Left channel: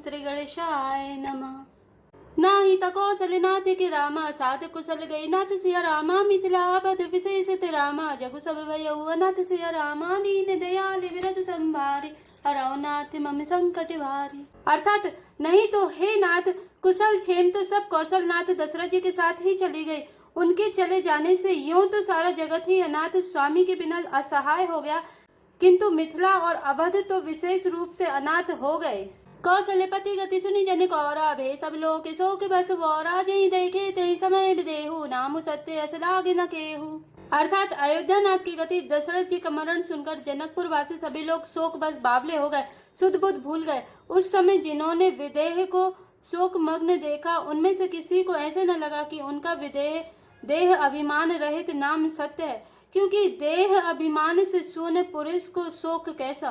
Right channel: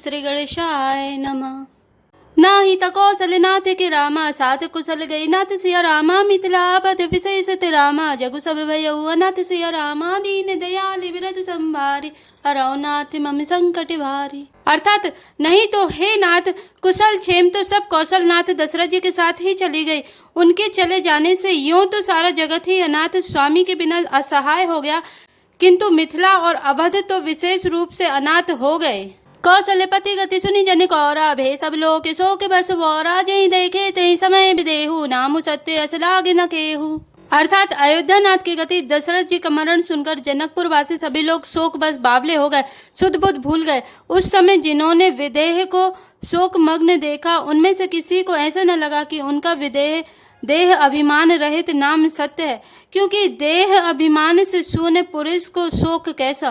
श्री गणेशाय नमः। नाही त कौशल नाथ के रामा, सात कुशल गए नाथ सिया रामा। मिथिला पद विशेष ते रामा, जगु सब भयउ अनाथ सिया रामा। दीन दयाल विरत संभारी, हरौ नाथ मम संकट भारी। अर्थात नहीं तो हे नाथ, कुशल क्षेम तो सब कौशल नाथ दशरथ जी के साथ ही चली गई। उनके चले जाने से यूं तो सारा जगत ही अनाथ स्वामी के बिना असहाय हो गया, किंतु मिथिला और अवध तो विशेष रूप से अनाथ हो गए। कौशल्यपति गति सुनी जन कौरा, भे सब लोग शोक बस वौरा। जय देखे ते समय विदेहु, नामु सत्य अस लागे न केहू। अर्थात अयोध्या नाथ की गति, दशरथ जी का मरण सुनकर जनकपुर वासी सभी लोग शोक बस बावले हो गए, सुध बुध भूल गए। उस समय जिन्होंने विदेह को शोक मग्न देखा, उनमें से किसी को ऐसा न लगा कि उनका विदेह देह अभिमान रहित नाम सत्य है, क्योंकि देह अभिमान से शून्य पुरुष को शोक कैसा।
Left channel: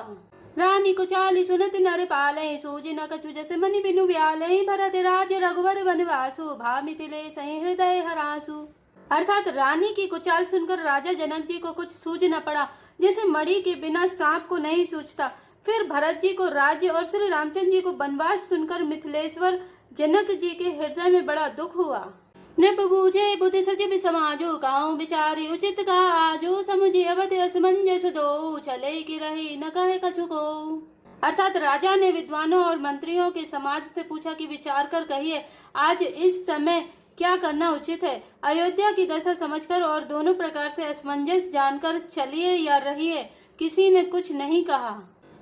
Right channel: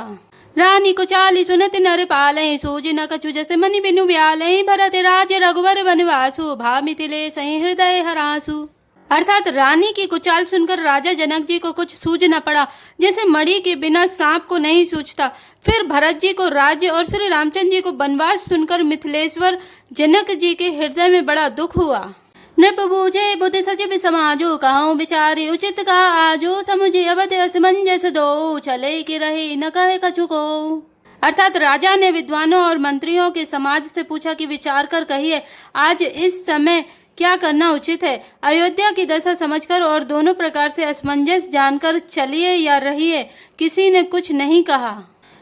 रानी को चाली सुनत नर पालय, सूज न कछु जस मनि बिनु ब्यालय। भरत राज रघुवर वनवासु, भा मिथिले सहि हृदय हरासु। अर्थात रानी की कुचाल सुनकर राजा जनक जी को कुछ सूझ न पड़ा, जैसे मणि के बिना सांप को नहीं सूझता। फिर भरत जी को राज्य और श्री रामचंद्र जी को वनवास सुनकर मिथिलेश्वर जनक जी के हृदय में बड़ा दुख हुआ। नृप बूझे बुद्धि सचिव समाजो, कहूँ विचारी उचित का आजो। समुझे अवध असमंजस दो, चले कि रहे न कहे कछु को। अर्थात राजा ने विद्वानों और मंत्रियों के समाज से पूछा कि विचार कर कहिए, आज इस समय क्या करना उचित है। अयोध्या की दशा समझकर और दोनों प्रकार से असमंजस जानकर चलिए या रहिए। किसी ने कुछ नहीं कहा।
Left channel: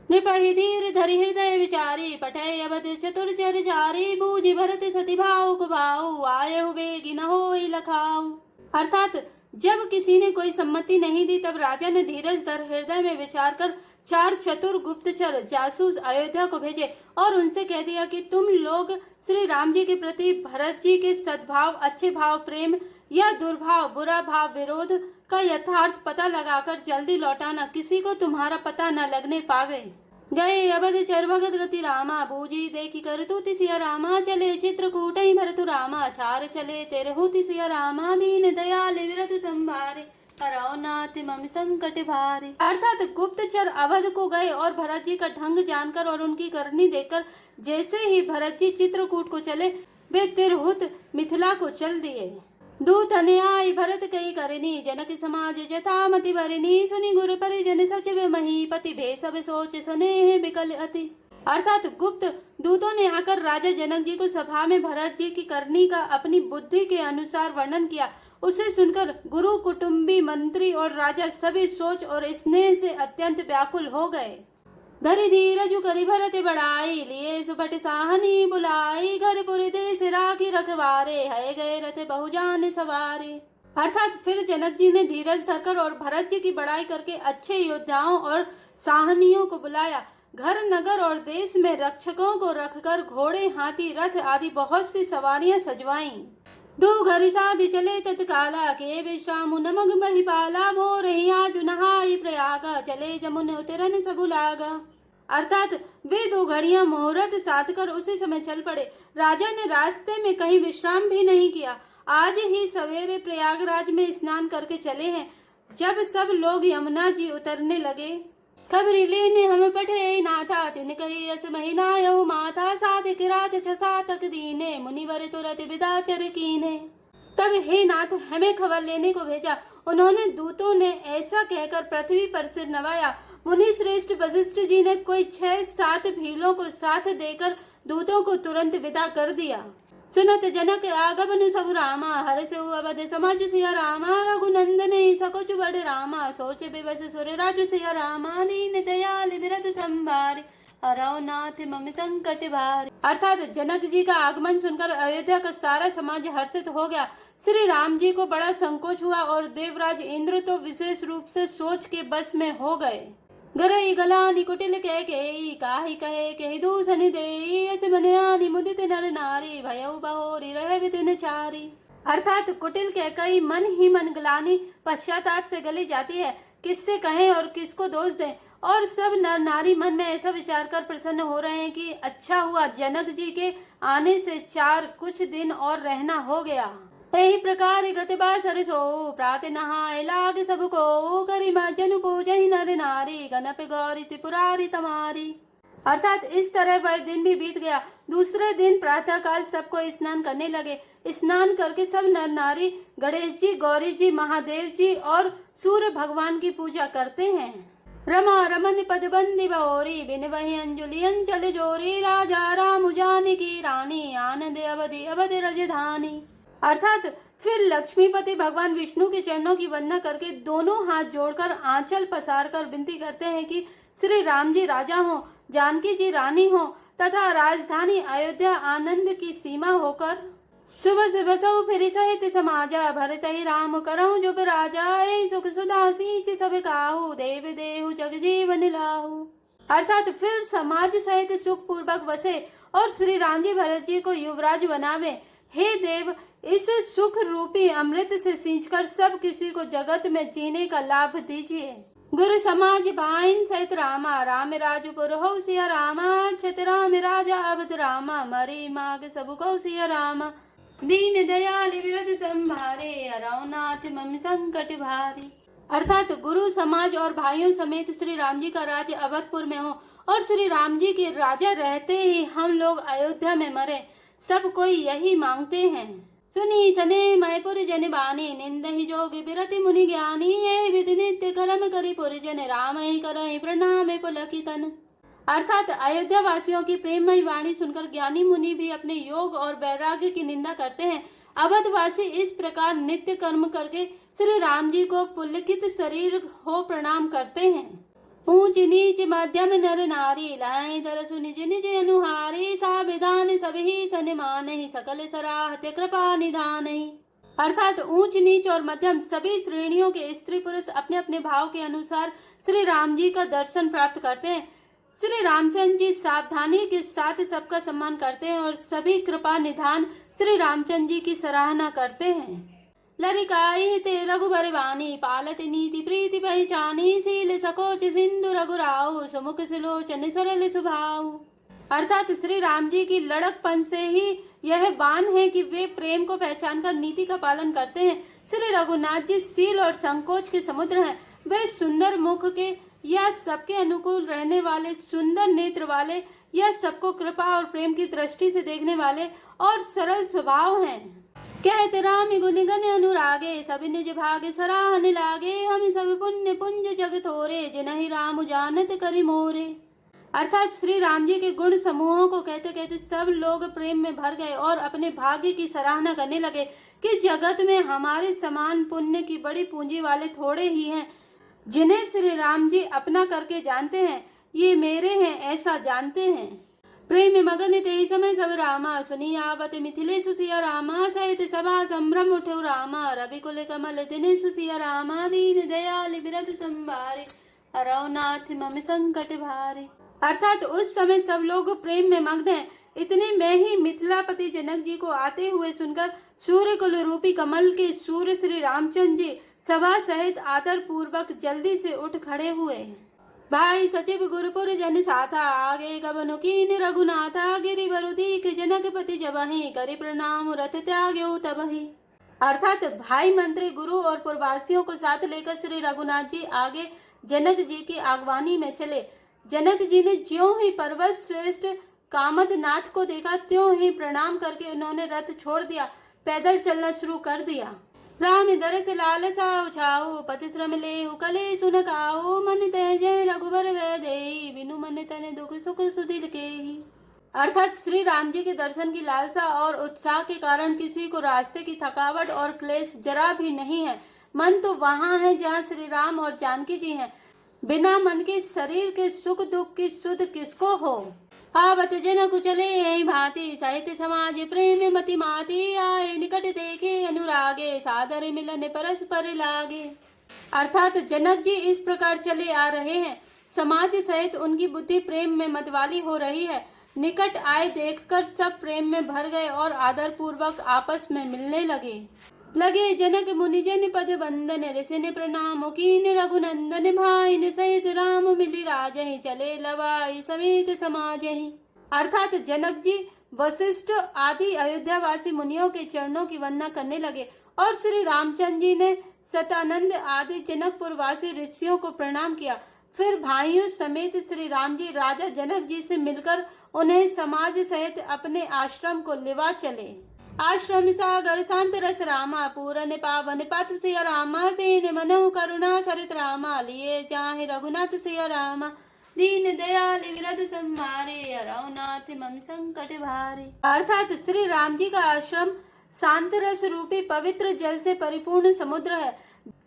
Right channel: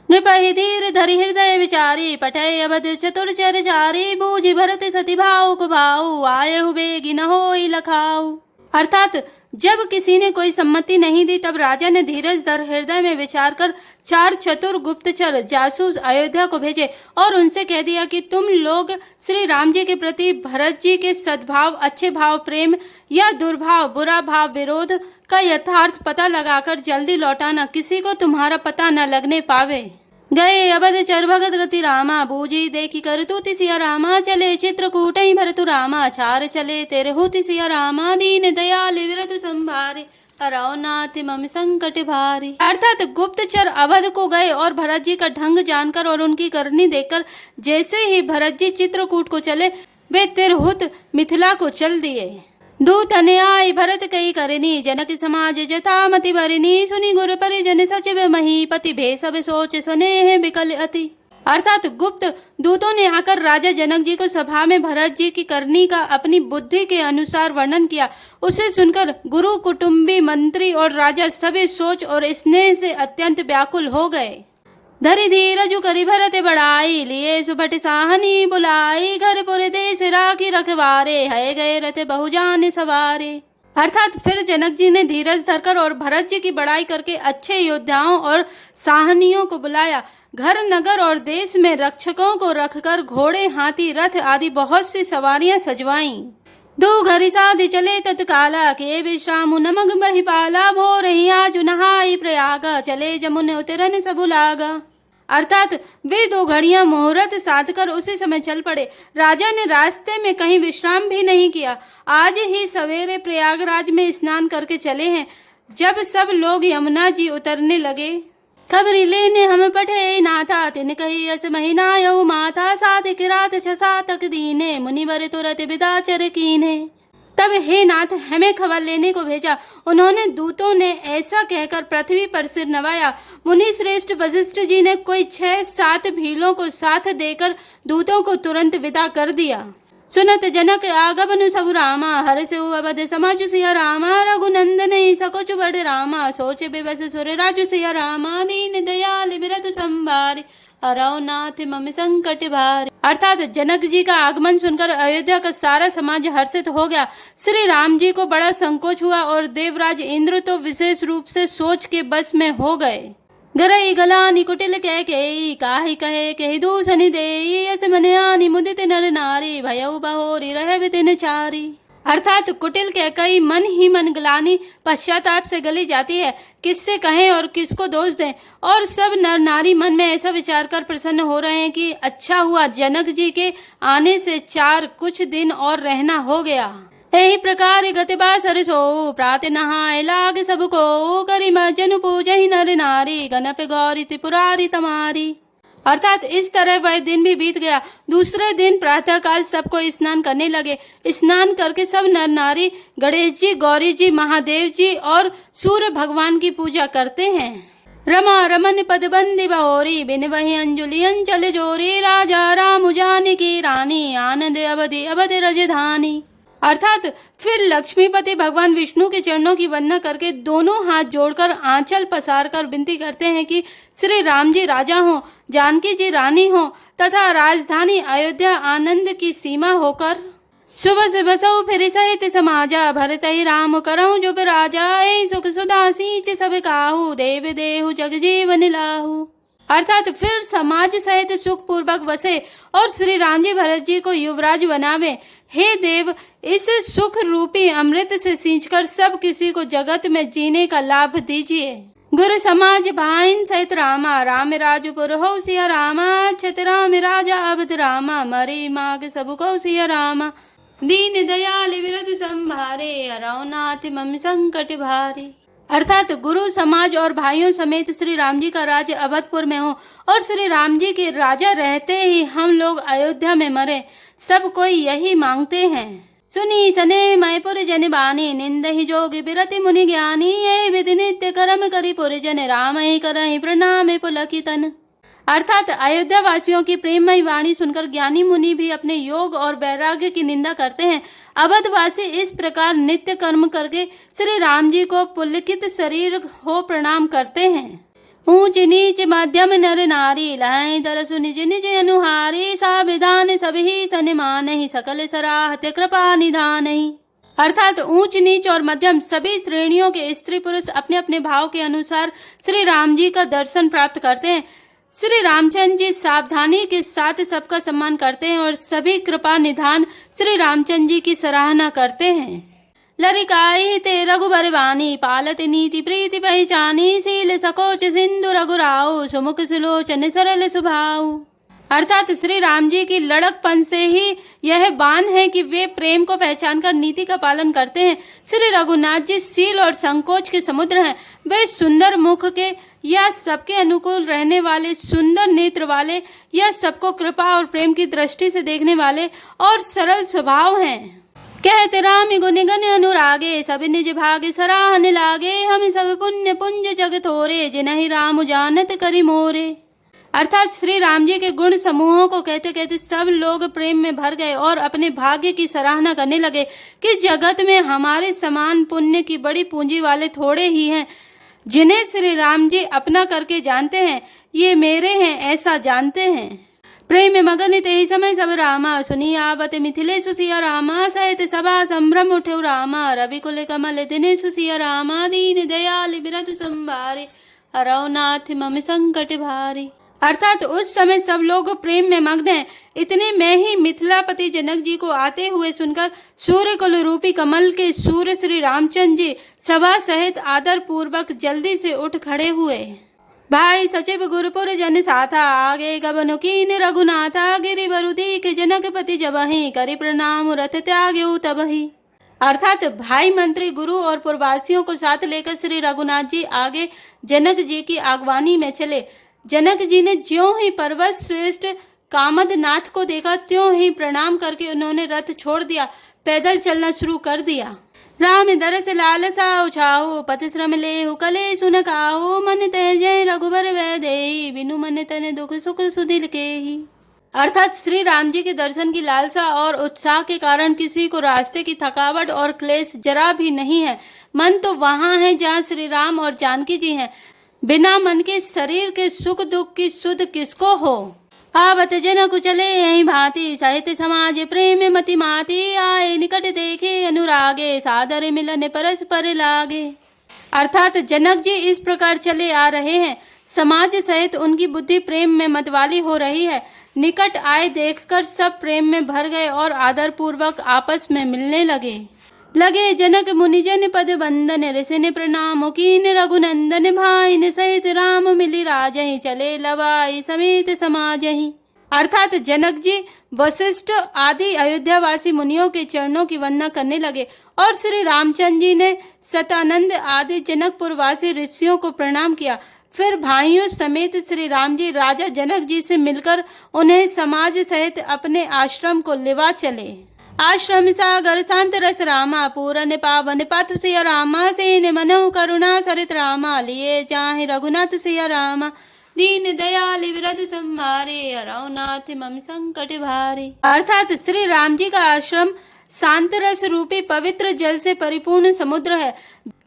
नृपहि धीर धरि हृदय विचारी, पठय अवध चतुर चर चारी। बूझि भरत सति भाव को भाऊ, आयहु बेगी न होई लखाऊ। अर्थात जब किसी ने कोई सम्मति नहीं दी, तब राजा ने धीरज धर हृदय में विचार कर 4 चतुर गुप्तचर जासूस अयोध्या को भेजे और उनसे कह दिया कि तुम लोग श्री राम जी के प्रति भरत जी के सद्भाव, अच्छे भाव, प्रेम या दुर्भाव, बुरा भाव, विरोध का यथार्थ पता लगाकर जल्दी लौटाना, किसी को तुम्हारा पता न लगने पावे। गए अवध चर भगत गति रामा, बूझी देखी कर तू तिसिया रामा। चले चित्रकूट भरतु रामा, चार चले तेरे हो तिसिया रामा। दीन दयाल विरत संभारे, हरौ नाथ मम संकट भारी। अर्थात गुप्तचर अवध को गए और भरत जी का ढंग जानकर और उनकी करनी देखकर जैसे ही भरत जी चित्रकूट को चले, वे तिरहुत मिथिला को चल दिए। दूत अन्याय भरत कई करनी, जनक समाज जथा मति भरनी। सुनी गुर परिजन सचिव महीपति, भे सब सोच स्नेह विकल अति। अर्थात गुप्त दूतों ने आकर राजा जनक जी को सभा में भरत जी की करनी का अपनी बुद्धि के अनुसार वर्णन किया। उसे सुनकर गुरु, कुटुंबी, मंत्री और राजा सभी सोच और स्नेह से अत्यंत व्याकुल हो गए। धरि धीरजु करि भरत बड़ाई, लिए सुभट साहनी बुलाई। घर पुर देश राखी रखवारे, है गए रथ बहुजान सवारे। अर्थात फिर जनक जी ने धीरज धरकर और भरत जी की बड़ाई करके अच्छे योद्धाओं और साहनियों को बुलाया। घर, नगर और देश में रक्षकों को रखकर घोड़े, हाथी, रथ आदि बहुत सी सवारियां सजवाईं। दो घरी साधि चले तत्काला, के विश्राम नमग महिपाला। भोर ही आजु नहाई प्रयागा, चले जमुन उतरन सबु लागा। अर्थात वे 2 घड़ियां मुहूर्त साध कर उसी समय चल पड़े। राजा ने रास्ते में कहीं विश्राम भी नहीं किया। आज ही सवेरे प्रयागराज में स्नान करके चले हैं। जब सब लोग यमुना जी उतरने लगे, खबरी लेने हम पठे नाथा। तिन कही अस महीनायऊ माथा, साथ किरात छसा तक दीने। मुनिवर तुरत विदा चर कीने। तब हे नाथ, हमें खबर लेने को भेजा। उन्होंने दूतों ने ऐसा कहकर पृथ्वी पर सिर नवाया। मुनि श्रेष्ठ वशिष्ठ जी ने कोई 6-7 भीलों को साथ देकर दूतों को तुरंत विदा कर दिया। सुनत जनक आगमनु सबु रामा, हर से अवध समाजु सिया रामा। रघुनंदन ही सकुच बड़ रामा, सोच विवश सुर राजु सिया रामा। दीन दयाल विरत संभारे, हरौ नाथ मम संकट भारे। अर्थात जनक जी का आगमन सुनकर अयोध्या का सारा समाज हर्षित हो गया। श्री राम जी को बड़ा संकोच हुआ और देवराज इंद्र तो विशेष रूप से सोच के बस में हो गए। गरई गलानी कुटिल कह के, काहि कहे कहि दूषणि देई। अस मन आनी मुदित नर नारी, भयउ बहोरी रह वितिन चारी। अर्थात कुटिल कह कई मन ही मन गलानी, पश्चाताप से गली जाती है। किससे कहें और किसको दोष दें। और सब नर नारी मन में ऐसा विचार कर प्रसन्न हो रहे हैं कि अच्छा हुआ जनक जी के आने से 4 कुछ दिन और रहना हो गया। यही प्रकार गतिबा सरसो, प्रात नहाय लाग सबको। करि जनु पूजहि नर नारी, गणप गौरी त्रिपुरारी तमारी। अर्थात इस तरह वह दिन भी बीत गया। दूसरे दिन प्रातःकाल सबको स्नान करने लगे। स्नान करके सब नर नारी गणेश जी, गौरी जी, महादेव जी और सूर्य भगवान की पूजा करते हैं। रमा रमन पद बंदी बहोरी, बिन वही अंजुलि अंचल जोरी, राजा राम जानकी रानी, आनंद अवधि अवधि रजधानी। अर्थात फिर लक्ष्मीपति भगवान विष्णु के चरणों की वंदना करके दोनों हाथ जोड़कर आंचल पसार कर विनती करते हैं कि श्री राम जी राजा हो, जानकी जी रानी हो तथा राजधानी अयोध्या आनंद की सीमा होकर सुबह से बसऊ फिर सहित समाजा, भरत ही राम करहु जो राजा, ऐ सुख सुधा सींच सब काहू, देव देहु जग जीवन लाहू। अर्थात फिर समाज सहित सुख पूर्वक बसे और श्री राम जी भरत जी को युवराज बनावे। हे देव, इस सुख रूपी अमृत से सींचकर सब किसी को जगत में जीने का लाभ दीजिए। गुरु समाज भाइन सहित रामा, राम राजपुर हो सिया रामा, छत राम राजा अवध रामा, मरे माग सब को सिया रामा, दीन दयाल विरध संभारे, अरौनाथ मम संकट भारे। अर्थात गुरु समाज और भाइयों समेत श्री राम जी का राज्य अवधपुर में हो और श्री राम जी के राजा रहते ही हम लोग अयोध्या में मरे, सब कोई यही मांगते हैं। सुनी सने मैपुर जन बानी, निंद ही जोगी बिरति मुनि ज्ञानी, यही विधि नित्य कर्म करी पुर जन, राम ही करहि प्रणाम पुलकितन। अर्थात अयोध्या वासियों की प्रेममयी वाणी सुनकर ज्ञानी मुनि भी अपने योग और वैराग्य की निंदा करते हैं। अवधवासी इस प्रकार नित्य कर्म करके श्री राम जी को पुलकित शरीर हो प्रणाम करते हैं। ऊंच नीच मध्यम नर नारी, लहै दरसु निज निज अनुहारी, सा विधान सभी सनिमान ही, सकल सराहते कृपा निधान ही। अर्थात ऊंच नीच और मध्यम सभी श्रेणियों के स्त्री पुरुष अपने अपने भाव के अनुसार श्री राम जी का दर्शन प्राप्त करते हैं। श्री रामचंद्र जी सावधानी के साथ सबका सम्मान करते हैं और सभी कृपा निधान श्री रामचंद्र जी की सराहना करते हैं। लरिकाई ते रघुबर वाणी, पालत नीति प्रीति पहचानी, सील सकोच सिंधु रघुराऊ, सुमुख सुलोचन सरल सुभाऊ। अर्थात श्री राम जी की लड़कपन से ही यह बान है कि वे प्रेम को पहचान कर नीति का पालन करते हैं। श्री रघुनाथ जी सील और संकोच के समुद्र हैं। वे सुंदर मुख के या सबके अनुकूल रहने वाले, सुंदर नेत्र वाले या सबको कृपा और प्रेम की दृष्टि से देखने वाले और सरल स्वभाव हैं। कहते राम गुण गण अनुरागे, सब निज भाग्य सराहन लागे, हम सब पुण्य पुंज जग थोरे, जिन्हि राम जानत करि मोरे। अर्थात श्री राम जी के गुण समूहों को कहते कहते सब लोग प्रेम में भर गए और अपने भाग्य की सराहना करने लगे कि जगत में हमारे समान पुण्य की बड़ी पूंजी वाले थोड़े ही हैं, जिन्हें श्री राम जी अपना करके जानते हैं। ये मेरे हैं ऐसा जानते हैं। प्रेम में मगन ते ही समय सब रामा, सुनी आवत मिथिले सुसिया रामा, सहित सभा संभ्रम उठे रामा, रवि कुल कमल दिने सुसिया रामा, दीन दयाल बिरध संभारे, अरौनाथ मम संकट भारी। अर्थात उस समय सब लोग प्रेम में मग्न हैं। इतने में ही मिथिलापति जनक जी को आते हुए सुनकर सूर्य कुल रूपी कमल के सूर्य श्री रामचंद्र जी सभा सहित आदर पूर्वक जल्दी से उठ खड़े हुए। भाई सचिव गुरुपुर जन साथा, आगे गबनु कीन रघुनाथा, गिरि बरु दीख जनकपति जबहि, करि प्रणाम रथ त्याग्यु तबहि। अर्थात भाई मंत्री गुरु और पुरवासियों को साथ लेकर श्री रघुनाथ जी आगे जनक जी की आगवानी में चले। जनक जी ने ज्यों ही पर्वत श्रेष्ठ कामद नाथ को देखा त्यों ही प्रणाम करके उन्होंने रथ छोड़ दिया, पैदल चलना शुरू कर दिया। राम दरस लालसा उछाहु, पथ श्रम लेहु कले सुन काहु, मन तेजय रघुबर वैदेही, बिनु मन तने दुख सुख सुधिल केही। अर्थात श्री राम जी के दर्शन की लालसा और उत्साह के कारण किसी को रास्ते की थकावट और क्लेश जरा भी नहीं है। मन तो वहाँ है जहाँ श्री राम और जानकी जी हैं। बिना मन के शरीर के सुख दुख की सुध किसको हो। आवत जन कुचले यही भांति, साहित्य समाज प्रेम मति माती, आए निकट देखे अनुरागे, सादर मिलन परस्पर लागे। अर्थात जनक जी इस प्रकार चले आ रहे हैं, समाज सहित उनकी बुद्धि प्रेम में मतवाली हो रही है। निकट आए देखकर सब प्रेम में भर गए और आदर पूर्वक आपस में मिलने लगे। जनक मुनिजन पद बंदन, ऋषि प्रणाम कीन रघुनंदन, भाइन सहित राम मिली राजहि, चले लवाई समेत समाजहि। अर्थात जनक जी वशिष्ठ आदि अयोध्यावासी मुनियों के चरणों की वंदना करने लगे और श्री रामचंद्र जी ने सतानंद आदि जनकपुरवासी ऋषियों को प्रणाम किया। फिर भाइयों समेत श्री राम जी राजा जनक जी से मिलकर उन्हें समाज सहित अपने आश्रम को लेवा चले। आश्रम सागर शांत रस रामा पूरन पावन पथ सिया रामा सेन मनहु करुणा सरित रामा लिए चाहे रघुनाथ सिया रामा दीन दयाल विरध संभारे अरौनाथ मम संकट भारे। अर्थात श्री राम जी का आश्रम शांत रस रूपी पवित्र जल से परिपूर्ण समुद्र है।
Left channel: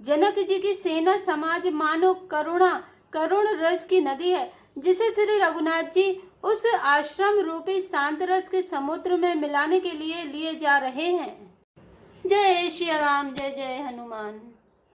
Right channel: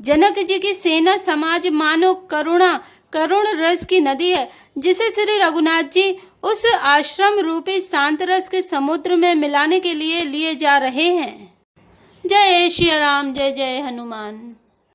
जनक जी की सेना समाज मानो करुण रस की नदी है, जिसे श्री रघुनाथ जी उस आश्रम रूपी शांत रस के समुद्र में मिलाने के लिए लिए जा रहे हैं। जय श्री राम, जय जय हनुमान।